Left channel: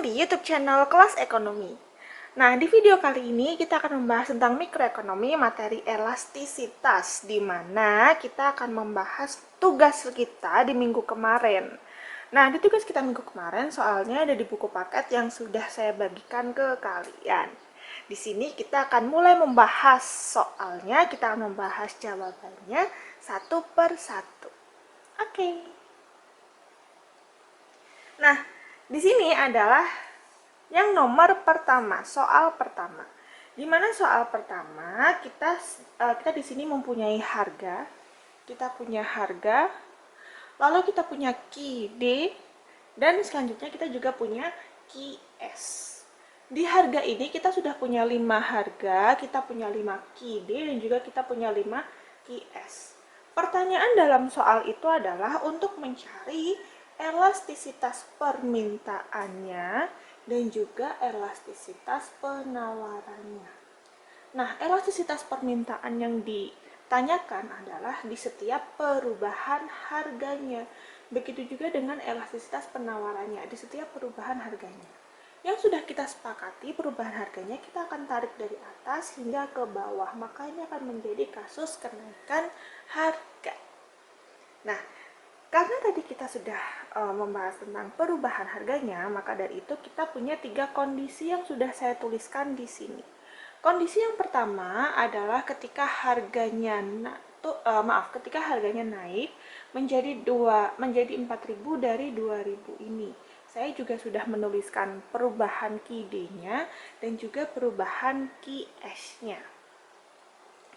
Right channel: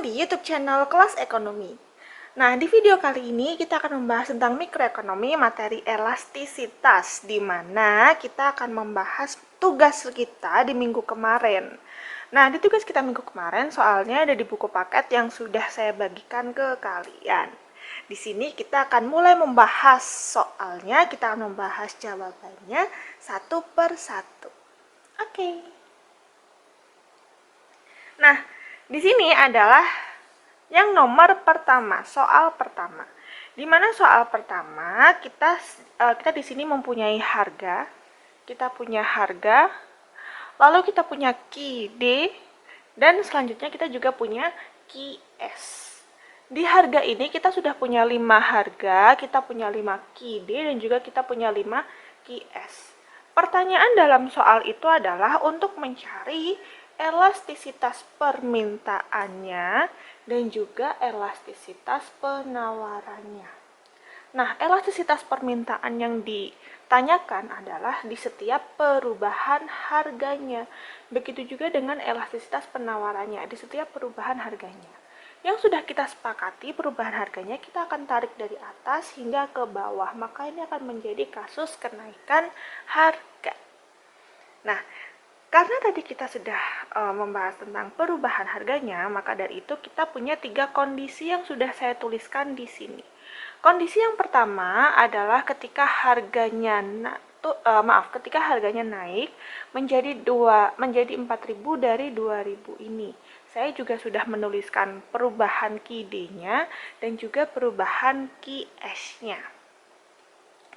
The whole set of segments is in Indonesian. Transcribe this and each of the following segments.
datang di YouTube channel Kelas Ekonomi. Nah, di video kali ini kita akan membahas tentang mikroekonomi materi elastisitas, di mana kita akan membahas tugas kita di minggu kemarin. Nah, di tugas kita minggu kemarin soalnya ada di buku paket yang sudah saya bagikan ke kalian. Di sini kita akan mulai membahas soalnya, kita akan membahas jawabannya satu per satu. Oke. Nah, di sini adalah yang nomor pertama, soal pertama. Di mana soal pertama kita di sini mempunyai harga, kita punya harga, lalu kita punya QD, dan selanjutnya kita juga punya QS. Di harga ini kita sudah punya 5 harga, kita punya 5 QD, dan juga kita punya 5 QS. Pertanyaan dalam soal itu adalah untuk mencari elastisitas permintaannya dan juga elastisitas penawarannya. Nah, elastisitas permintaan yang ditanyakan adalah di setiap perubahan harganya. Begitu juga dengan elastisitas penawarannya di setiap perubahan harganya. Yang sudah kita sepakati perubahan harganya kita akan tarik dari atas hingga ke bawah, maka ini akan menjadi kasus kenaikan harga. Nah, karena tadi kita sudah membahas tentang perubahan harganya, maka dari itu kita punya 3 kondisi yang sudah saya tuliskan di sini. Kondisi yang pertama adalah ketika harganya ketika harganya naik menjadi 4.000 dari 2.000 ini. Saya juga sudah menuliskan perubahan QD-nya dan juga perubahan QS-nya.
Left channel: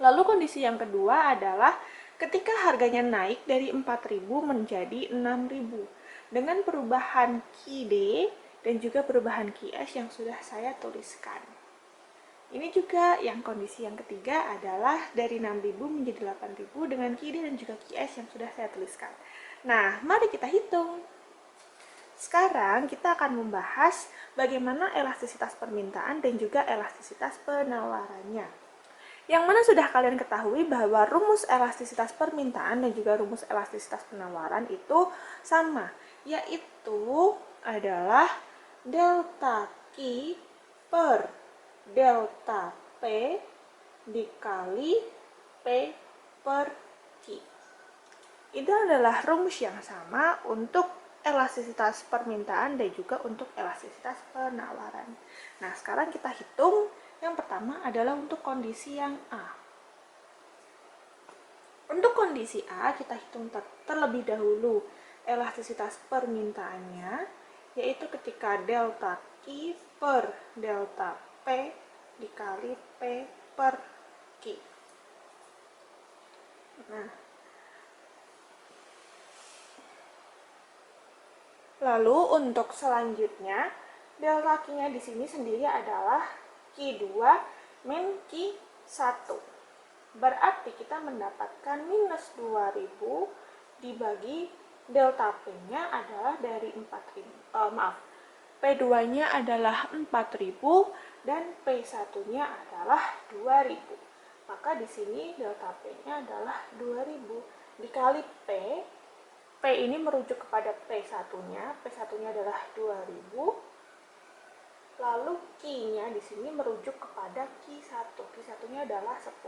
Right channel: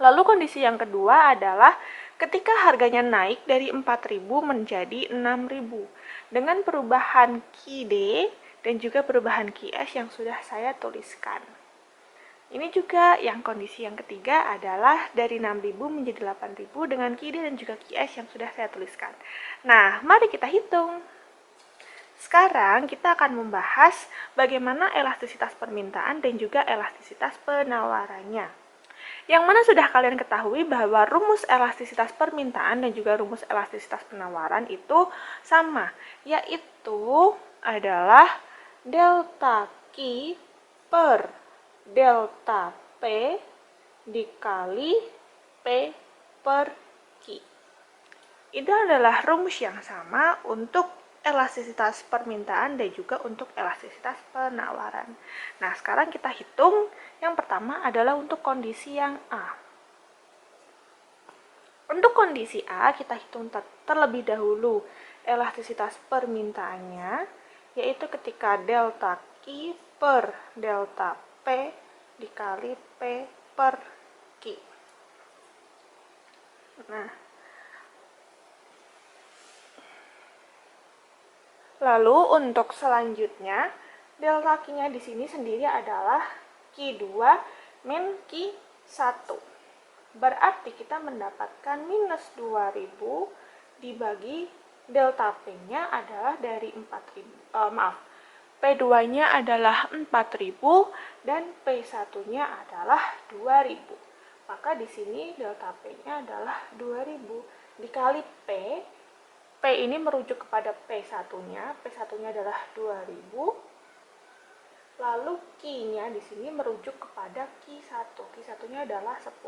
Lalu kondisi yang kedua adalah ketika harganya naik dari 4.000 menjadi 6.000 dengan perubahan QD dan juga perubahan QS yang sudah saya tuliskan. Ini juga yang kondisi yang ketiga adalah dari 6.000 menjadi 8.000 dengan QD dan juga QS yang sudah saya tuliskan. Nah, mari kita hitung. Sekarang kita akan membahas bagaimana elastisitas permintaan dan juga elastisitas penawarannya. Yang mana sudah kalian ketahui bahwa rumus elastisitas permintaan dan juga rumus elastisitas penawaran itu sama, yaitu adalah delta Q per delta P dikali P per Q. Itu adalah rumus yang sama untuk elastisitas permintaan dan juga untuk elastisitas penawaran. Nah, sekarang kita hitung. Yang pertama adalah untuk kondisi yang A. Untuk kondisi A, kita hitung terlebih dahulu elastisitas permintaannya, yaitu ketika delta Q per delta P dikali P per Q. Nah, lalu untuk selanjutnya, delta Q-nya di sini sendiri adalah Q2 min Q1. Berarti kita mendapatkan minus 2000 dibagi delta P-nya adalah dari 4.000. P2-nya adalah 4.000 dan P1-nya adalah 2.000. Maka di sini delta P-nya adalah 2.000 dikali P. P ini merujuk kepada P1-nya. P1-nya adalah 2.000. Lalu Q-nya di sini merujuk kepada Q1. Q1-nya adalah 10.000.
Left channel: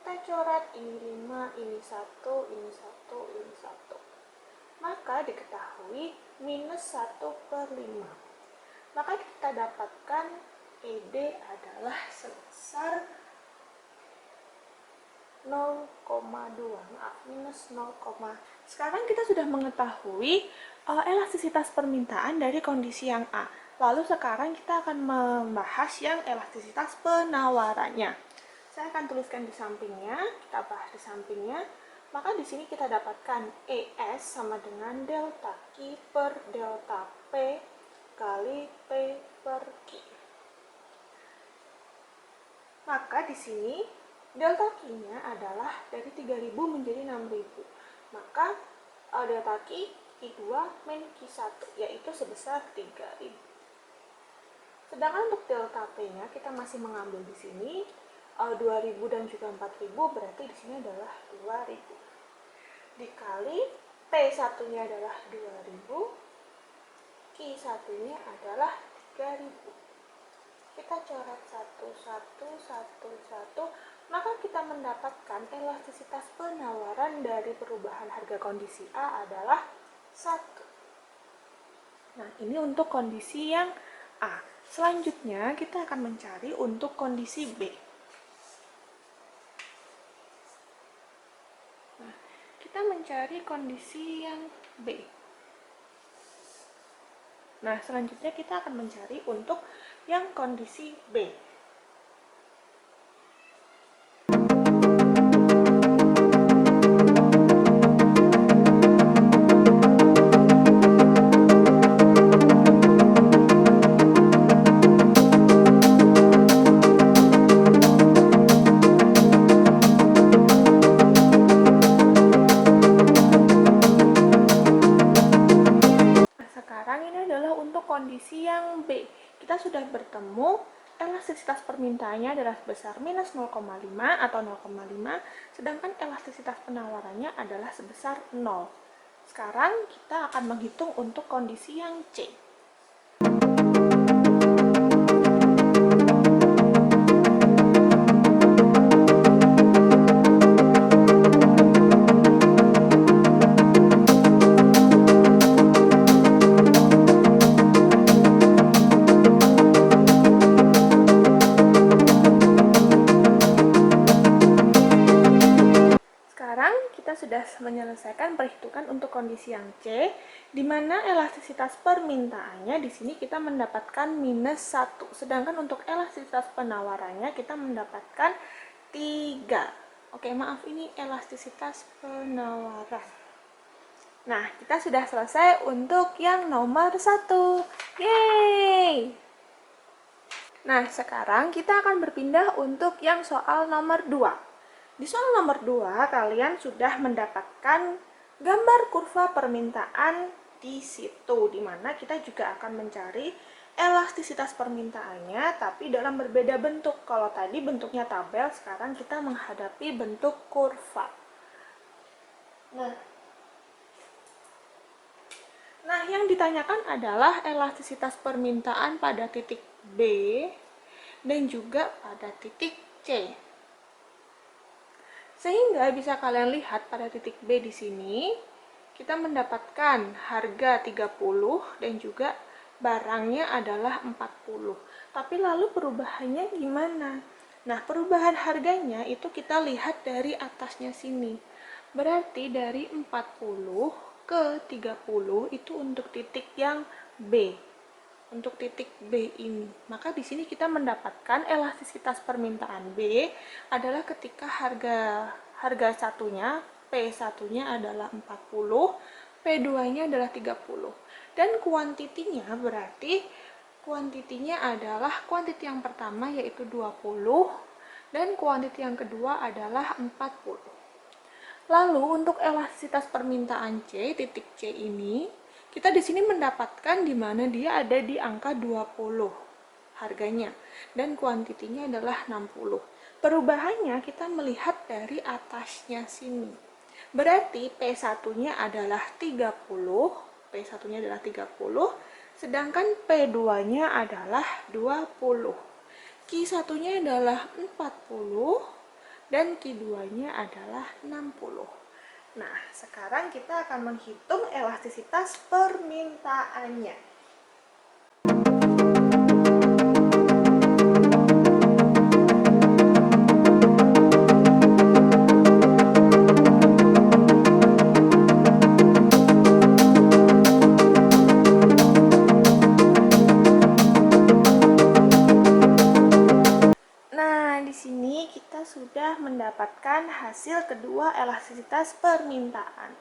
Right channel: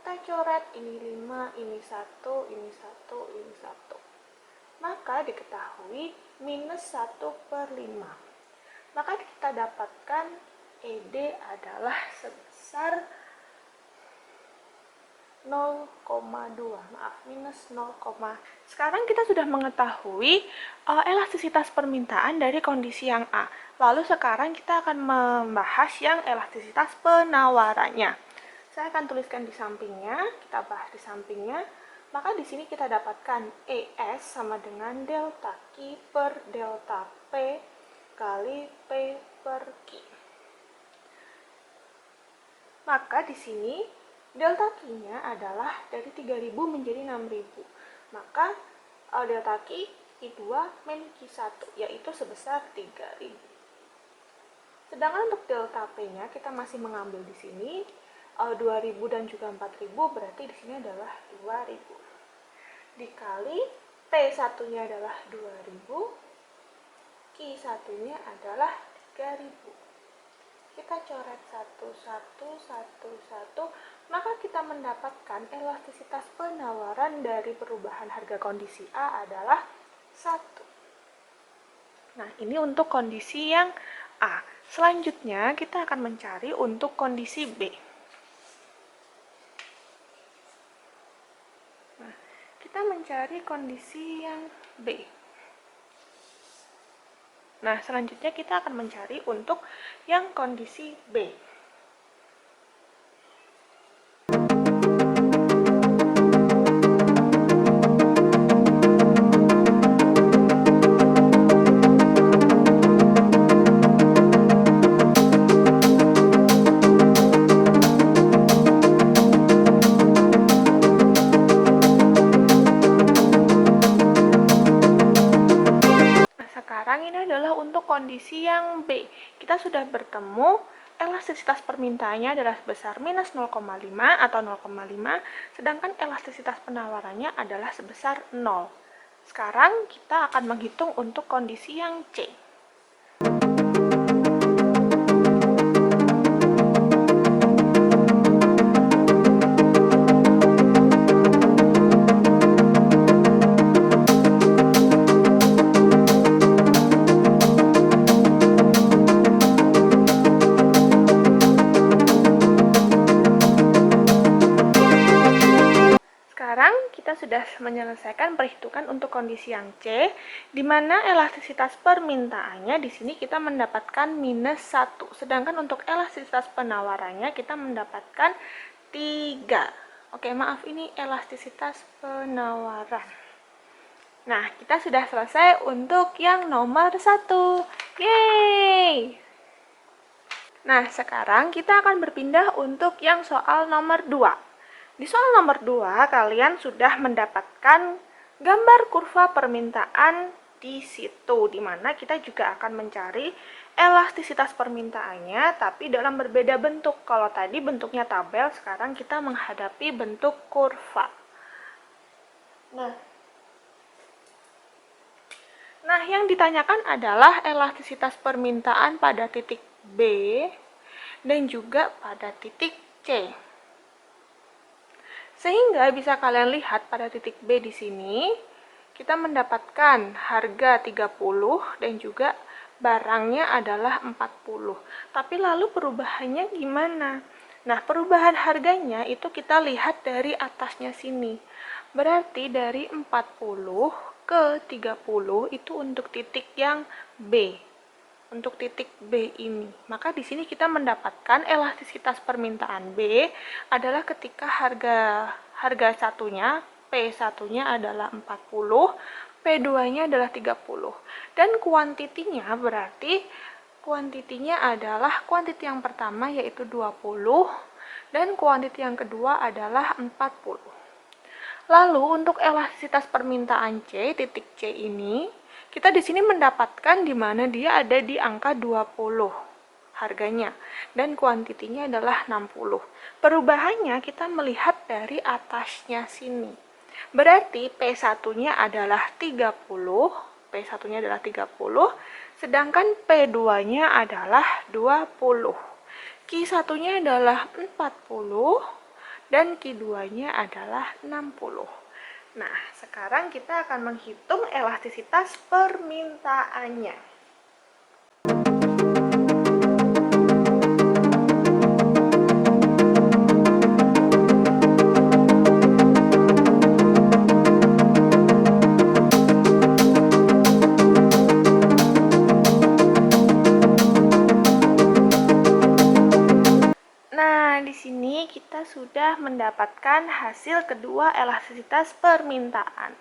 Kita coret ini 5, ini 1, ini 1, ini 1. Maka diketahui minus 1 per 5. Maka kita dapatkan ED adalah sebesar 0,2, minus 0, sekarang kita sudah mengetahui elastisitas permintaan dari kondisi yang A. Lalu sekarang kita akan membahas yang elastisitas penawarannya. Saya akan tuliskan di sampingnya, kita bahas di sampingnya. Maka di sini kita dapatkan ES sama dengan delta Q per delta P kali P per Q. Maka di sini delta Q-nya adalah dari 3.000 menjadi 6.000. Maka delta Q Q2 min Q1 yaitu sebesar 3.000. Sedangkan untuk delta P-nya kita masih mengambil di sini 2.000 dan juga 4.000, berarti di sini adalah 2.000. Dikali P1-nya adalah 2.000 Q1-nya adalah 3.000. Kita coret satu, maka kita mendapatkan elastisitas penawaran dari perubahan harga kondisi A adalah 1. Nah, ini untuk kondisi yang A. Selanjutnya, kita akan mencari untuk kondisi B. Nah, kita mencari kondisi yang B. Nah, selanjutnya kita akan mencari untuk yang kondisi B. Kondisi yang B, kita sudah bertemu elastisitas permintaannya adalah sebesar minus 0,5 atau 0,5, sedangkan elastisitas penawarannya adalah sebesar 0. Sekarang kita akan menghitung untuk kondisi yang C. Sudah menyelesaikan perhitungan untuk kondisi yang C, di mana elastisitas permintaannya di sini kita mendapatkan minus 1, sedangkan untuk elastisitas penawarannya kita mendapatkan 3. Oke, maaf, ini elastisitas penawaran. Nah, kita sudah selesai untuk yang nomor 1. Yeay! Nah, sekarang kita akan berpindah untuk yang soal nomor 2. Di soal nomor 2, kalian sudah mendapatkan gambar kurva permintaan di situ, di mana kita juga akan mencari elastisitas permintaannya, tapi dalam berbeda bentuk. Kalau tadi bentuknya tabel, sekarang kita menghadapi bentuk kurva. Nah, yang ditanyakan adalah elastisitas permintaan pada titik B dan juga pada titik C. Sehingga bisa kalian lihat pada titik B di sini, kita mendapatkan harga 30 dan juga barangnya adalah 40. Tapi lalu perubahannya gimana? Nah, perubahan harganya itu kita lihat dari atasnya sini. Berarti dari 40 ke 30 itu untuk titik yang B. Untuk titik B ini. Maka di sini kita mendapatkan elastisitas permintaan B adalah ketika harga satunya, P1-nya adalah 40, P2-nya adalah 30. Dan kuantitinya berarti kuantitinya adalah kuantiti yang pertama yaitu 20 dan kuantiti yang kedua adalah 40. Lalu untuk elastisitas permintaan C, titik C ini, kita di sini mendapatkan di mana dia ada di angka 20 harganya dan kuantitinya adalah 60. Perubahannya kita melihat dari atasnya sini. Berarti P1-nya adalah 30, P1-nya adalah 30, sedangkan P2-nya adalah 20. Q1-nya adalah 40 dan Q2-nya adalah 60. Nah, sekarang kita akan menghitung elastisitas permintaannya. Nah, di sini kita sudah mendapatkan hasil kedua elastisitas permintaan.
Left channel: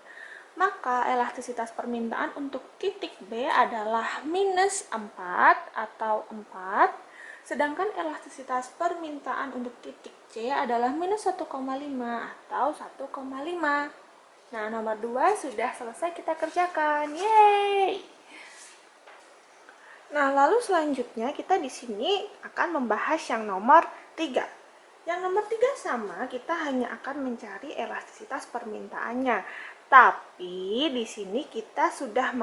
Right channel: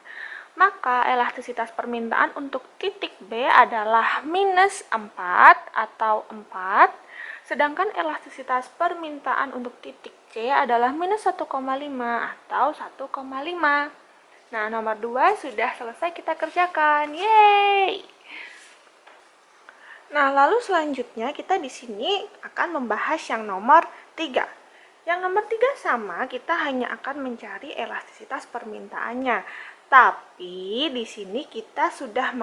Maka elastisitas permintaan untuk titik B adalah minus 4 atau 4, sedangkan elastisitas permintaan untuk titik C adalah minus 1,5 atau 1,5. Nah, nomor 2 sudah selesai kita kerjakan. Yeay! Nah, lalu selanjutnya kita di sini akan membahas yang nomor 3. Yang nomor 3 sama, kita hanya akan mencari elastisitas permintaannya. Tapi di sini kita sudah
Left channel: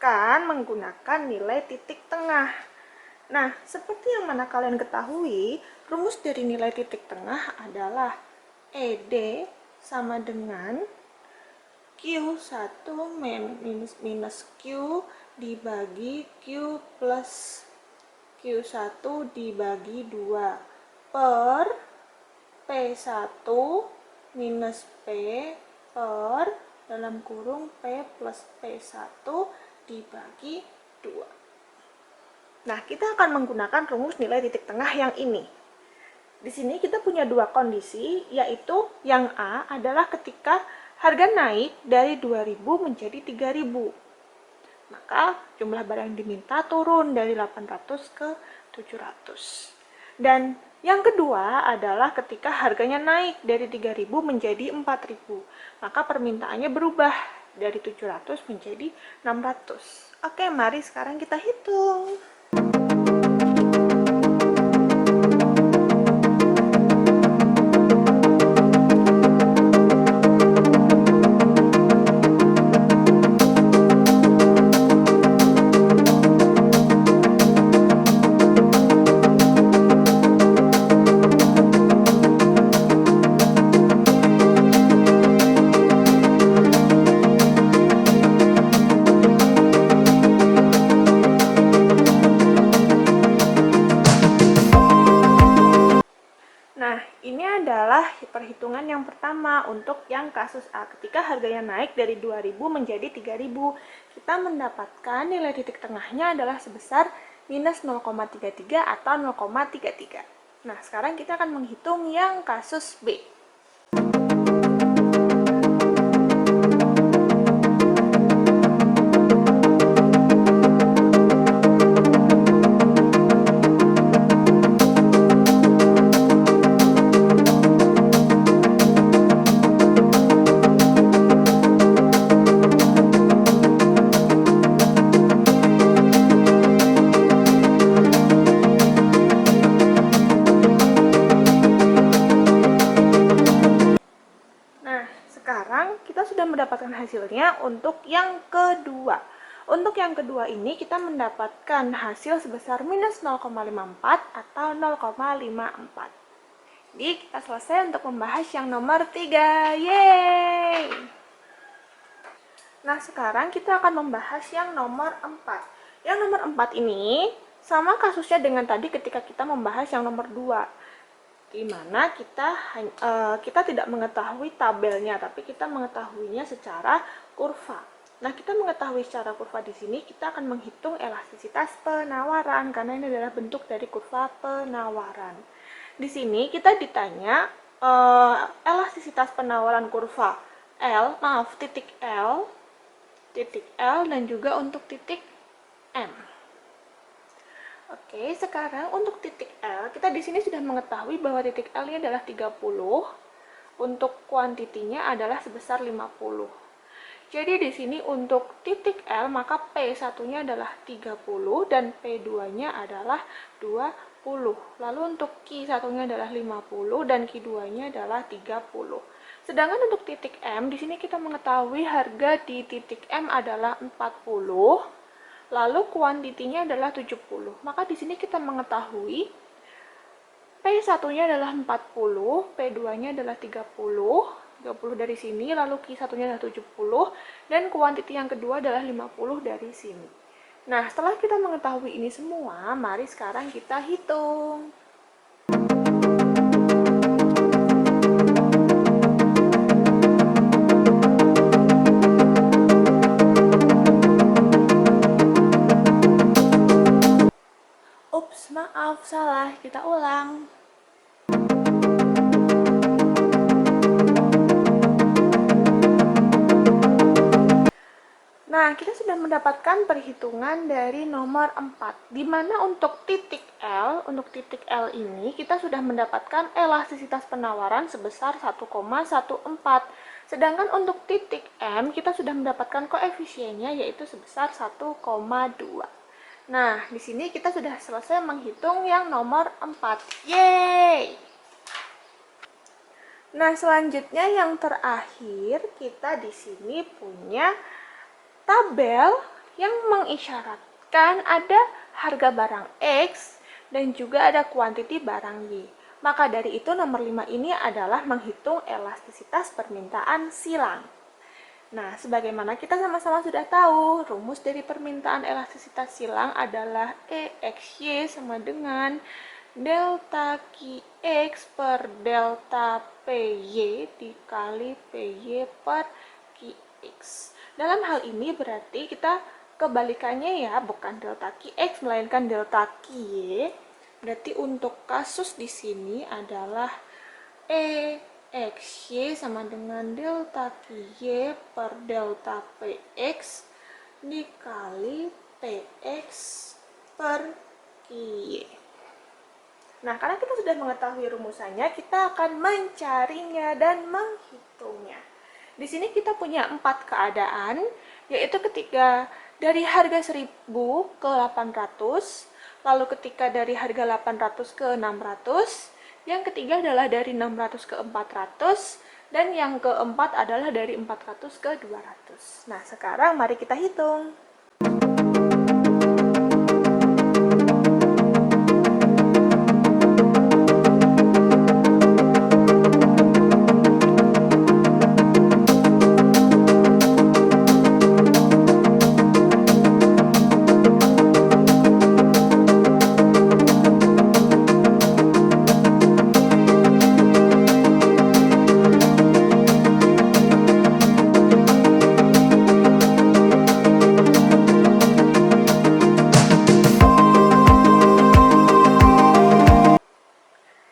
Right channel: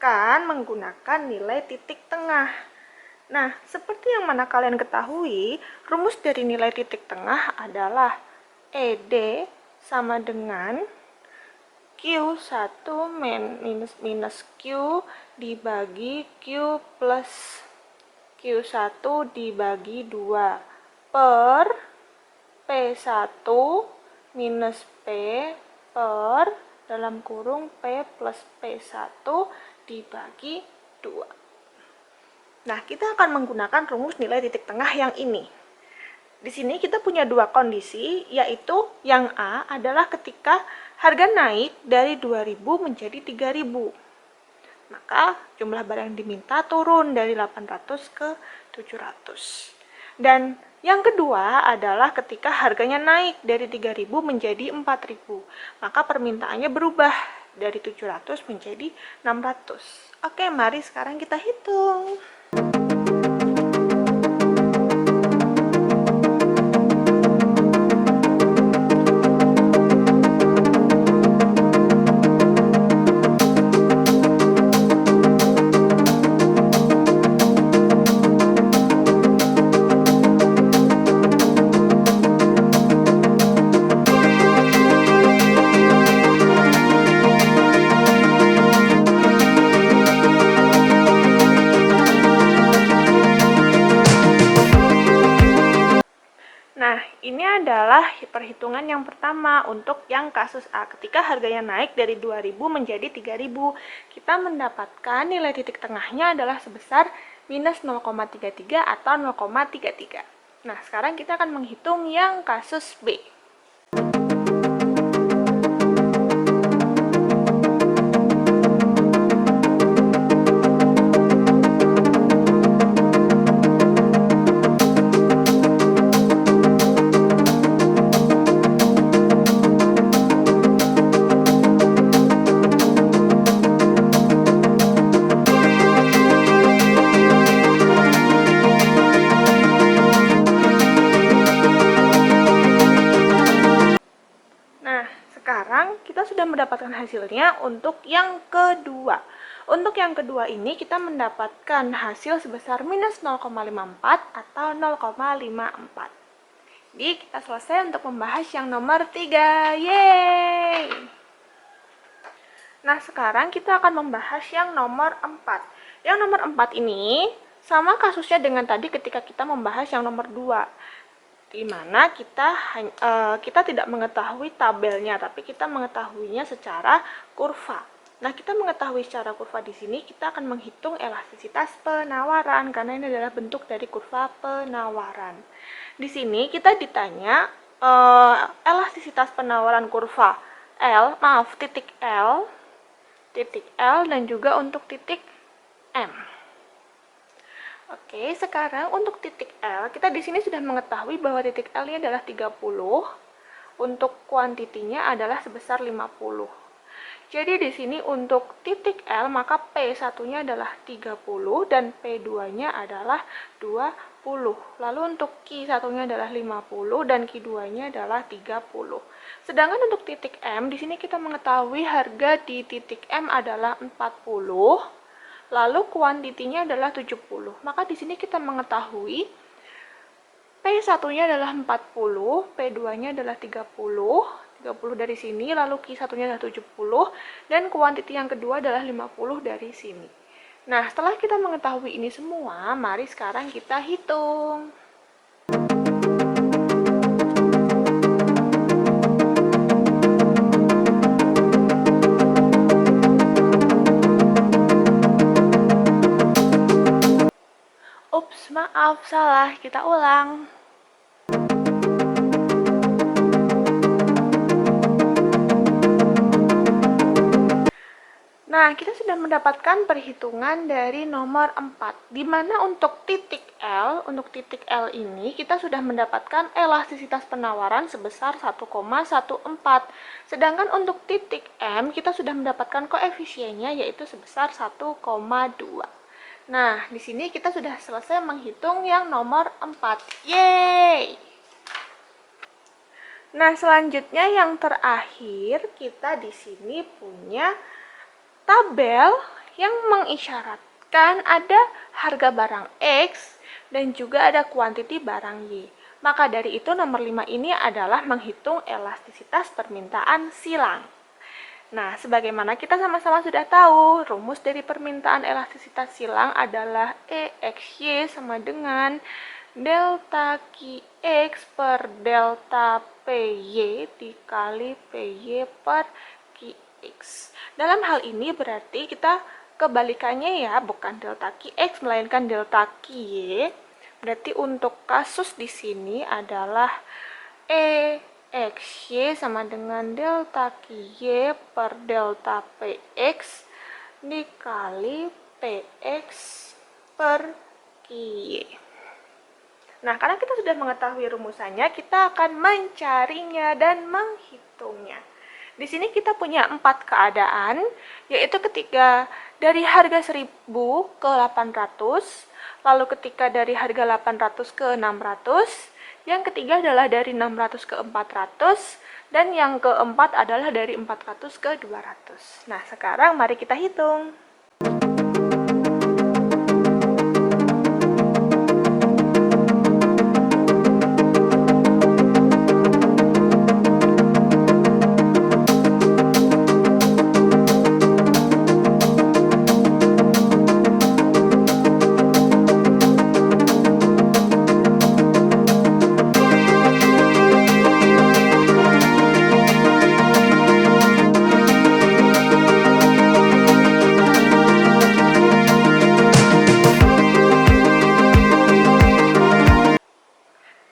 akan menggunakan nilai titik tengah. Nah, seperti yang mana kalian ketahui, rumus dari nilai titik tengah adalah ED sama dengan Q1 minus Q dibagi Q plus Q1 dibagi 2 per P1 minus P per dalam kurung P plus P1 dibagi 2. Nah, kita akan menggunakan rumus nilai titik tengah yang ini. Di sini kita punya dua kondisi, yaitu yang A adalah ketika harga naik dari 2.000 menjadi 3.000. Maka jumlah barang yang diminta turun dari 800 ke 700. Dan yang kedua adalah ketika harganya naik dari 3.000 menjadi 4.000. Maka permintaannya berubah dari 700 menjadi 600. Oke, mari sekarang kita hitung. Nah, ini adalah perhitungan yang pertama untuk yang kasus A. Ketika harganya naik dari 2.000 menjadi 3.000, kita mendapatkan nilai titik tengahnya adalah sebesar minus 0,33 atau 0,33. Nah, sekarang kita akan menghitung yang kasus B. Kita sudah mendapatkan hasilnya untuk yang kedua. Untuk yang kedua ini kita mendapatkan hasil sebesar minus 0,54 atau 0,54. Jadi kita selesai untuk membahas yang nomor 3. Yeay! Nah, sekarang kita akan membahas yang nomor 4. Yang nomor 4 ini sama kasusnya dengan tadi ketika kita membahas yang nomor 2. Di mana kita tidak mengetahui tabelnya, tapi kita mengetahuinya secara kurva. Nah, kita mengetahui secara kurva di sini, kita akan menghitung elastisitas penawaran, karena ini adalah bentuk dari kurva penawaran. Di sini kita ditanya elastisitas penawaran kurva titik L, dan juga untuk titik M. Oke, sekarang untuk titik L, kita di sini sudah mengetahui bahwa titik L ini adalah 30, untuk kuantitinya adalah sebesar 50. Jadi di sini untuk titik L, maka P1-nya adalah 30 dan P2-nya adalah 20. Lalu untuk Q1-nya adalah 50 dan Q2-nya adalah 30. Sedangkan untuk titik M, di sini kita mengetahui harga di titik M adalah 40. Lalu kuantitinya adalah 70. Maka di sini kita mengetahui P1-nya adalah 40, P2-nya adalah 30 dari sini, lalu Q1-nya adalah 70, dan kuantiti yang kedua adalah 50 dari sini. Nah, setelah kita mengetahui ini semua, mari sekarang kita hitung. Ups, maaf, salah. Kita ulang. Nah, kita sudah mendapatkan perhitungan dari nomor 4, di mana untuk titik L ini kita sudah mendapatkan elastisitas penawaran sebesar 1,14. Sedangkan untuk titik M, kita sudah mendapatkan koefisiennya yaitu sebesar 1,2. Nah, di sini kita sudah selesai menghitung yang nomor 4. Yeay! Nah, selanjutnya yang terakhir, kita di sini punya tabel yang mengisyaratkan ada harga barang X dan juga ada kuantiti barang Y. Maka dari itu nomor 5 ini adalah menghitung elastisitas permintaan silang. Nah, sebagaimana kita sama-sama sudah tahu, rumus dari permintaan elastisitas silang adalah EXY sama dengan delta QX per delta PY dikali PY per QX. Dalam hal ini berarti kita kebalikannya ya, bukan delta QX melainkan delta QY. Berarti untuk kasus di sini adalah EXY sama dengan delta QY per delta PX dikali PX per QY. Nah, karena kita sudah mengetahui rumusannya, kita akan mencarinya dan menghitungnya. Di sini kita punya 4 keadaan, yaitu ketika dari harga 1000 ke 800, lalu ketika dari harga 800 ke 600, yang ketiga adalah dari 600 ke 400, dan yang keempat adalah dari 400 ke 200. Nah, sekarang mari kita hitung.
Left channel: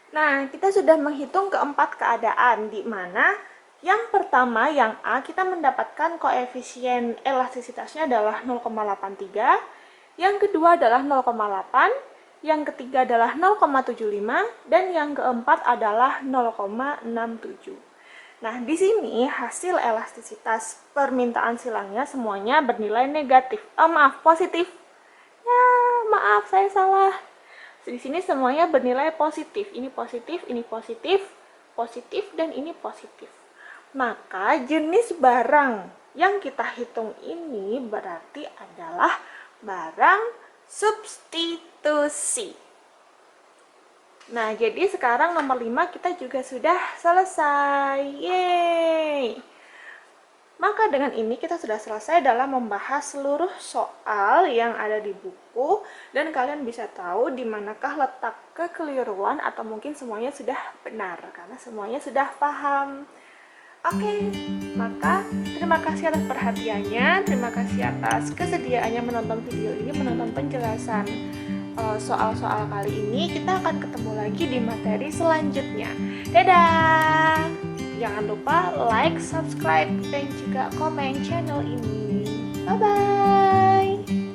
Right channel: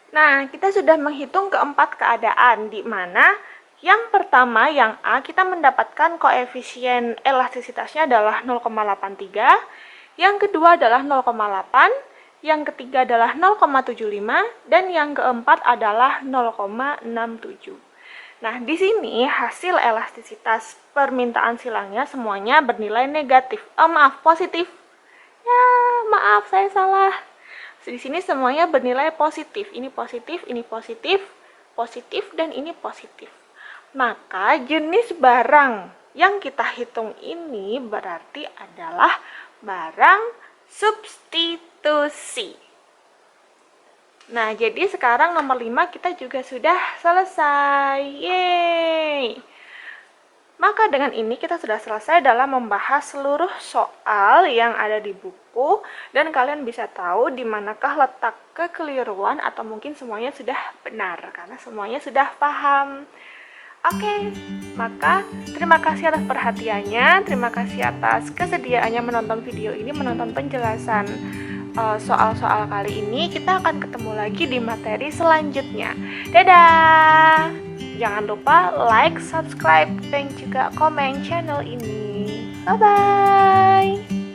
Nah, kita sudah menghitung keempat keadaan, di mana yang pertama, yang A, kita mendapatkan koefisien elastisitasnya adalah 0,83, yang kedua adalah 0,8, yang ketiga adalah 0,75, dan yang keempat adalah 0,67. Nah, di sini hasil elastisitas permintaan silangnya semuanya bernilai negatif. Positif. Ya, maaf, saya salah. Di sini semuanya bernilai positif. Ini positif, ini positif, positif, dan ini positif. Maka jenis barang yang kita hitung ini berarti adalah barang substitusi. Nah, jadi sekarang nomor 5 kita juga sudah selesai. Yeay! Maka dengan ini kita sudah selesai dalam membahas seluruh soal yang ada di buku, dan kalian bisa tahu di manakah letak kekeliruan atau mungkin semuanya sudah benar karena semuanya sudah paham. Oke, maka terima kasih atas perhatiannya, terima kasih atas kesediaannya menonton video ini, menonton penjelasan soal-soal kali ini. Kita akan ketemu lagi di materi selanjutnya. Dadah! Jangan lupa like, subscribe, dan juga komen channel ini. Bye-bye!